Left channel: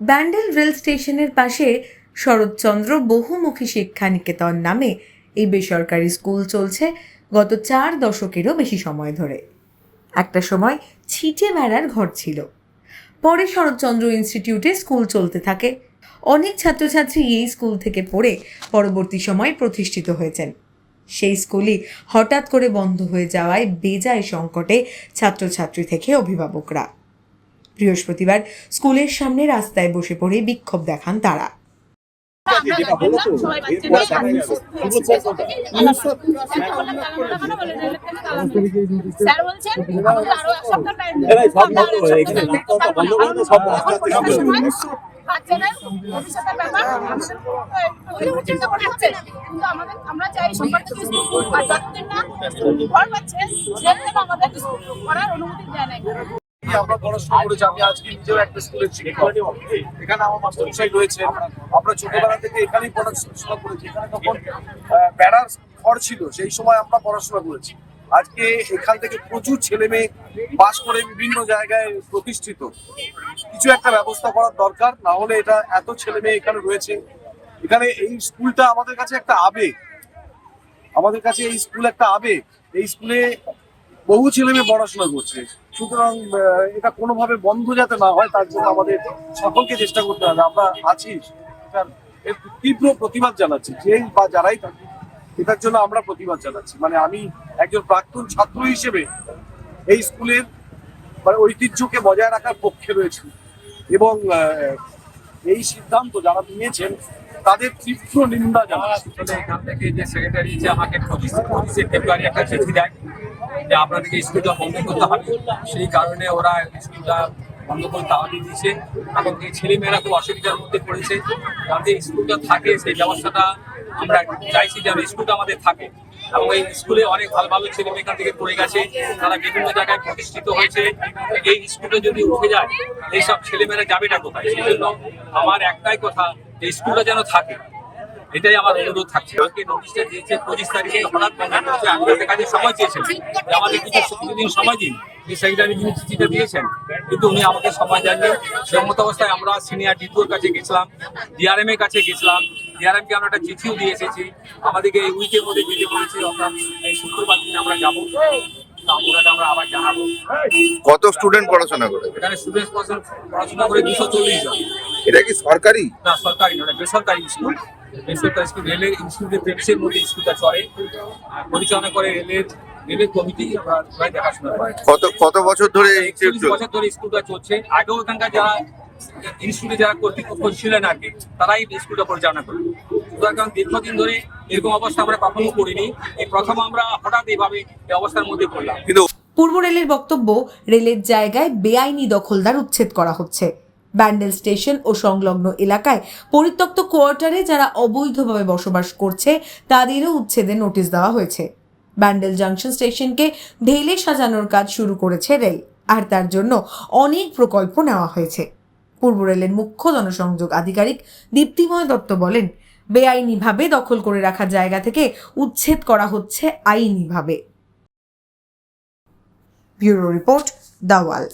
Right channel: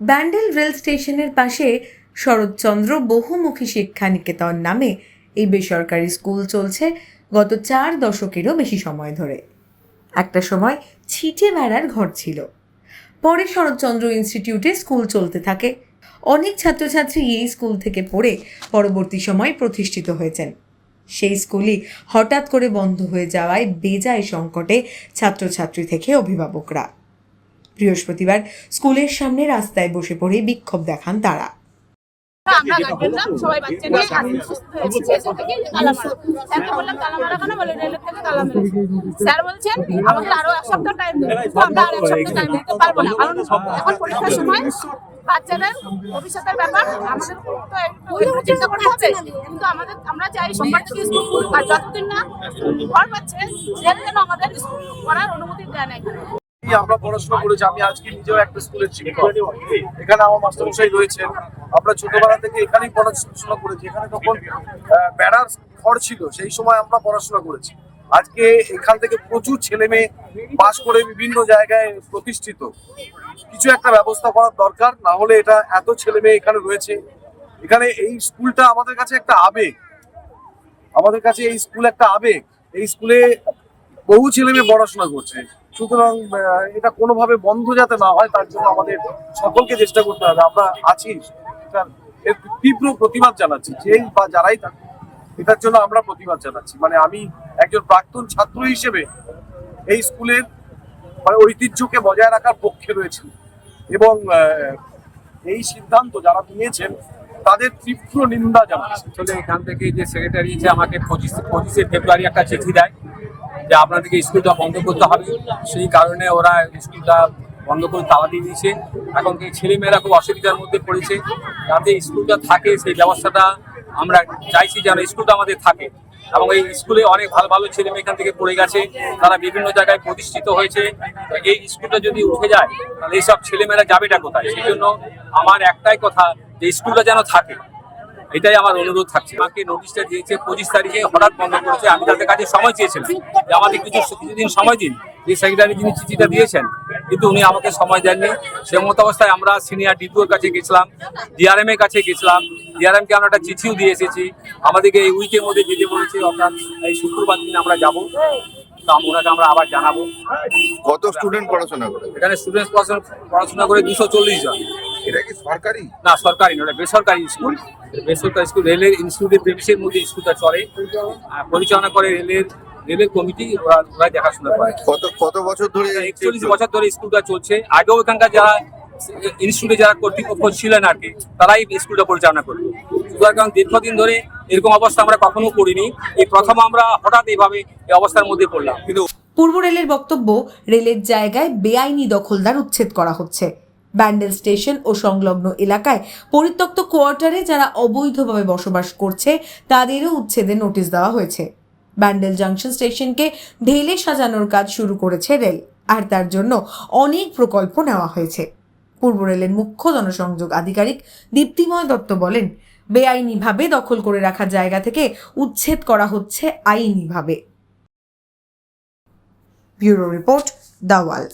Bandel rail স্টেশনের পাশে শরৎচন্দ্র বহুমুখী শিক্ষা নিকেতন নামে এই বেসরকারি স্কুল চলছে গত 4 দশকেরও বেশি সময় ধরে। একটা সময় ছিটে বেড়ার ঘর ছিল, পরে শরৎচন্দ্র ইনস্টিটিউটে স্কুল চলতে থাকে। অনেক ছাত্রছাত্রী এই স্কুল থেকে পড়ে পরবর্তী সময় প্রতিষ্ঠিত হয়েছেন। সেই স্কুলই হঠাৎ করে বন্ধ হয়ে যাওয়ায় বেজায় সংকটে ছাত্রছাত্রী থেকে অভিভাবকরা। বৃহস্পতিবার স্কুলের সামনে রাস্তায় বসে পড়ে বিক্ষোভ দেখান তারা। বাচ্চাদের ভবিষ্যতের ব্যাপার আমাদের চিন্তা করতে হবে, কিন্তু আমরা চাই সোমবার থেকে স্কুল আর যতদিন না ঘর পাচ্ছে সেদিন আমাদের স্কুল করার অনুমতি দেয় না। আমরা পড়াশোনা করেছি, আমি আজকে নিজেও একটা স্কুলের শিক্ষক, এখানে আমার মাস্টারমশাই রয়েছে। আমরা ছোটবেলা থেকে এখানেই পড়াশোনা করেছি। এখানে তখন বেড়ার ঘর ছিল, সেই সময় আমরা পড়াশোনা করেছি। আজকে এখান থেকে প্রচুর ছেলে মেয়ে পাস করে বিভিন্ন জায়গায় প্রতিষ্ঠিত। কিছু একটা ব্যবস্থা করার দরকার, না হলে এটা এত ছেলে মেয়ে এখানে রয়েছে। এখানে এই স্কুলটা আমাদের কাছে একটা আবেগ, আমাদের কাছে এই স্কুল একটা আবেগ। এই স্কুলে বহু ছেলে মেয়ে পড়াশোনা করছে, সুতরাং এটা কোনোভাবে বন্ধ যাতে না হয় তার জন্য আমাদের সকলকে চেষ্টা করতে হবে। আমরা আছি, তীব্র প্রতিবাদ জানাচ্ছি, যেই বা যারাই থাকে এটার জন্য আমরা প্রতিবাদ জানাচ্ছি। মানে আমি একজন প্রাক্তন ছাত্র হিসেবে এই স্কুলের ঐতিহ্যকে বজায় রাখার পক্ষে রয়েছে এবং এই সিদ্ধান্ত যারা নিয়েছেন তাদের তীব্র নিন্দা জানাচ্ছি। আসলে এখান থেকে যে সেক্রেটারি যে আমাকে 25শে ফেব্রুয়ারি একটা চিঠি দেয় যে আপনাদেরকে স্কুলটা বন্ধ করতে হবে, সেই কারণে ওরা স্কুলটা বন্ধ করে তালা দিয়ে দিয়েছে। এখন ছেলেমেয়েরা খুব অসুবিধার মধ্যে পড়েছে, যাতে স্কুলটা থাকে সেই ব্যবস্থাটা আমরা চাইছি যেন স্কুলটা আমাদের থাকে। এবং এই স্কুলে অনেক ভালো ভালো ছেলে মেয়ে এখান থেকে পড়ে গেছে, তারা বিভিন্ন জায়গায় প্রতিষ্ঠিত হয়েছে। এই স্কুলটা যদি উঠে যায় তাহলে এইসব ছেলেমেয়েরা যাবেটা কোথায়? সেই জন্য আমার একটাই কথা, যে স্কুলটা যেন থাকে, এটাই আমার অনুরোধ থাকছে। আমাকে নোটিশটা দিয়েছে 25 তারিখে, হঠাৎ বন্ধ করেছে। আমি তাদের কাছে সময় চেয়েছিলাম যে আমাদের কিছুদিন সময় দিন, যে সেক্রেটারি যিনি চিঠিটা দিয়েছেন, কিন্তু উনি আমাকে সময় দেননি। সে মতো অবস্থায় আমরা সিনিয়র ডিপিওর কাছে গেছিলাম, ডিআরএম এর কাছে গেছিলাম। ডিআরএমকে আমরা একটা চিঠিও দিয়ে এসেছি। আমাদেরকে এই উইকের মধ্যে যেতে বলেছে, অর্থাৎ এই শুক্রবার দিন আমরা যাবো। ওনাকে আমরা আবার জানাবো। কত স্টুডেন্ট পড়াশোনা করে এখানে স্টুডেন্ট পড়াশোনা করে 240 জন। এটা কি সরকারি? না, সরকারি নয়, বেসরকারি স্কুল। বেসরকারি স্কুল, রেলের ইনস্টিটিউটের প্রেমিসের মধ্যে স্কুলটা চলে, পরিচালনা করে রেলের কমিটি, ওরা দেখাশোনা করে। কত বছর ধরে? 41 বছর ধরে স্কুলটা চলছে। আগেও এখানকার যারা ইনস্টিটিউটে যারা কর্তৃপক্ষ ছিলেন আর কি, তারাই স্কুলটা পরিচালনা করবে। সুতরাং দীর্ঘদিন ধরে এরকম অবস্থা আমরা কখনো করিনি, এই প্রথম আমরা হঠাৎ এইভাবে এই অবস্থার মধ্যে পড়লাম। কিন্তু পূর্ব রেলের বক্তব্য, রেলের জায়গায় বেআইনি দখলদার উচ্ছেদ করা হচ্ছে। ব্যান্ডেল স্টেশন ও সংলগ্ন এলাকায় পরিত্যক্ত কোয়ার্টারে যারা অবৈধভাবে বসবাস করছে তাদেরও উচ্ছেদের নোটিশ দেওয়া হয়েছে। ব্যান্ডেল জাংশন স্টেশনকে ঢেলে সাজানোর কাজ শুরু করেছে রেল, আর তার জন্য অনেক প্রকল্প নেওয়া হয়েছে। পূর্ব রেলের মুখ্য জনসংযোগ আধিকারিক দীপ্তিময় দত্ত বলেন, বেআইনিভাবে দখল করে রাখা জায়গা থেকে উচ্ছেদ করা হচ্ছে আইনিভাবে। Bureau report, the wall.